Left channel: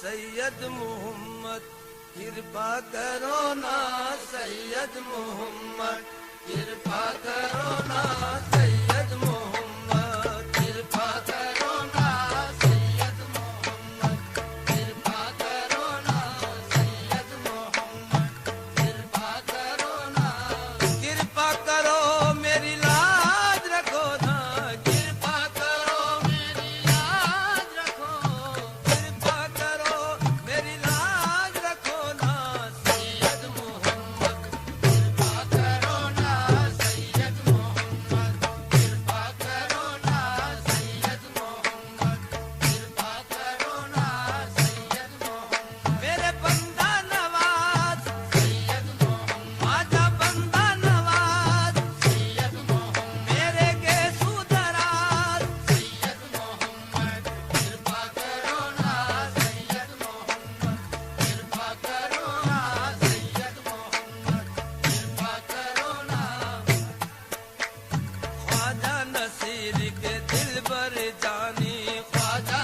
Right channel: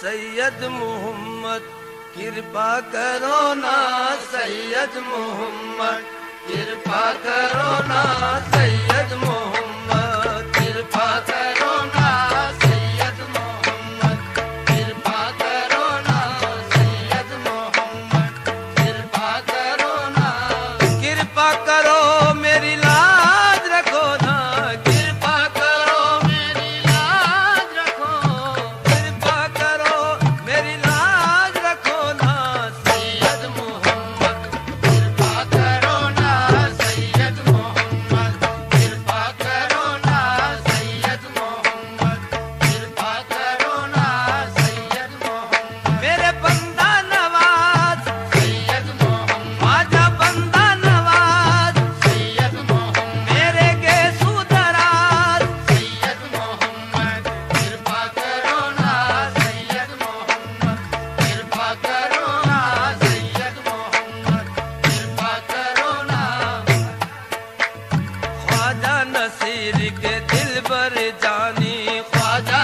सैयद मोहम्मद कृपा करो ना सैयद मोहम्मद कृपा करो ना सैयद मोहम्मद कृपा करो ना सैयद मोहम्मद कृपा करो ना सैयद मोहम्मद कृपा करो ना कृपा करो मेरी लाज रखो ना कृपा करो मेरी लाज रखो कृपा करो मेरी लाज रखो ना सैयद मोहम्मद कृपा करो ना सैयद मोहम्मद कृपा करो ना सैयद मोहम्मद कृपा करो ना सैयद मोहम्मद मेरे बंदा नवाज सैयद मोहम्मद आजा बंदा नवाज सैयद मोहम्मद मेरे गेसू दराज सैयद मोहम्मद कृपा करो ना सैयद मोहम्मद कृपा करो ना सैयद मोहम्मद कृपा करो ना ख्वाजा नसीर के दिल बर जानी ख्वाजा